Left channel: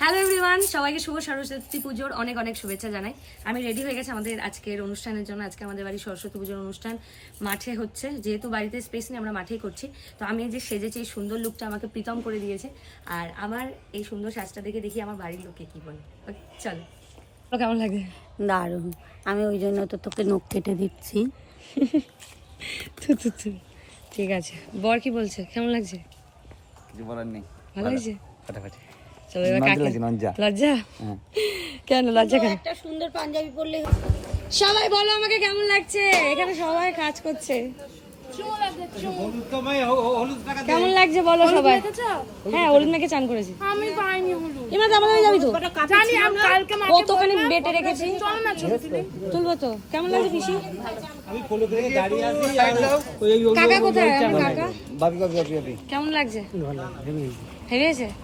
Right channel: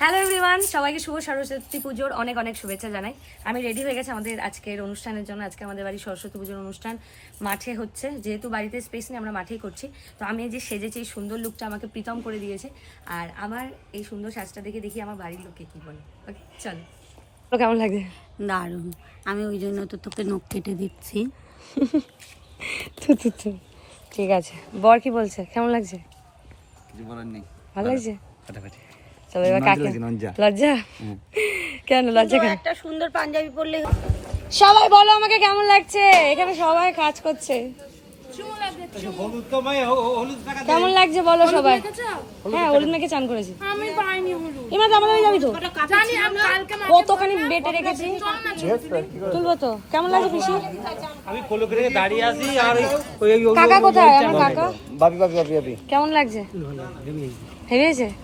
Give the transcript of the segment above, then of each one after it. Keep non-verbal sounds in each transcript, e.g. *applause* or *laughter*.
Hello everyone সবাইকে শুভ সরস্বতী পুজোর অনেক অনেক শুভেচ্ছা জানাই। আমি রেডি হয়ে গেছি আমাদের আজকের অনুষ্ঠানের জন্য। আজকে আমাদের বাড়ি সরস্বতী পুজোর অনুষ্ঠান মাঠে হচ্ছে। যেহেতু বাড়িতে স্পেস নেই আমরা মাঠেই করছি। তো আমি এই যে সেজেছি এই সুন্দর লুকটা আমাকে প্রীতম করে দিয়েছে। আর আমার এই সুন্দর সাজটা দেখে দেখি আমার বাড়ির লোকে কী বলে। ওকে চলো। তো কেমন লাগে? দারুণ। আমি ওই জন্য তো তোকে নখ কেটে দিচ্ছি। *laughs* ঠিক আছে। বর কি বলছে? কেমন লাগছে? কিছু বলার নেই। ভালো। লাগছে? ফাটাফাটি। চলো এবার কাকে। লজ্জা। হ্যাঁ। কেন লজ্জা কেন? একটা সুন্দর পাঞ্জাবি পরলে সবাই বলো আমাকে কেমন লাগছে? এখানে সবাই কাজ করছে। কেমন লাগছে বলো সবাই? হ্যাঁ হলুদ মেখে চান করেছি। আমি পাইনি হলুদ। এবার যাবি তো? জানি আমি কালকে কতখানি বেটে রেখেছি? তুলবো তো। কেমন লাগছে পিসি? কাকা কোথায়? আমার কাকা? বাপি বাপি বাপি বাপি। কেমন লাগছে? হেরিয়েছে মামু মাম কেমন লাগছে বলো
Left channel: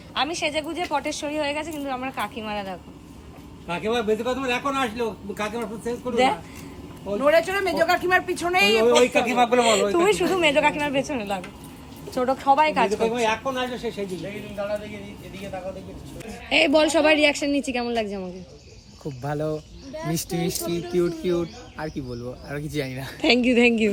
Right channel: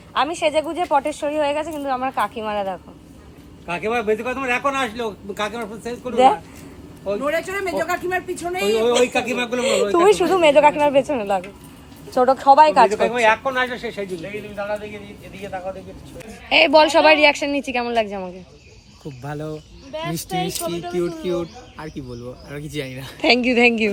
আমি সেজে গুজে পটেশ্বরী হয়ে গেছে কিন্তু আমার কাকিমারা দেখো। কাকিমা বেশি কথা তোমার এখন আসলো কাকিমার শেষ করো নড়ে চড়ে মেজো কাকিমার পিছনে ওই কাকিমা গুলো বলো তুমি শুধু মেজো কাকিমার পেছনে লাগে ছোট সবাই কাজ করে এখন আসলো সে সেই জন্য এই বল সবাই রিয়াকশন নিচ্ছি কেমন লাগছে আমাকে? খুব ভালো মিষ্টি মিষ্টি কিউট কিউট আর কি বলব আর কিছু জানি না। Thank you thank you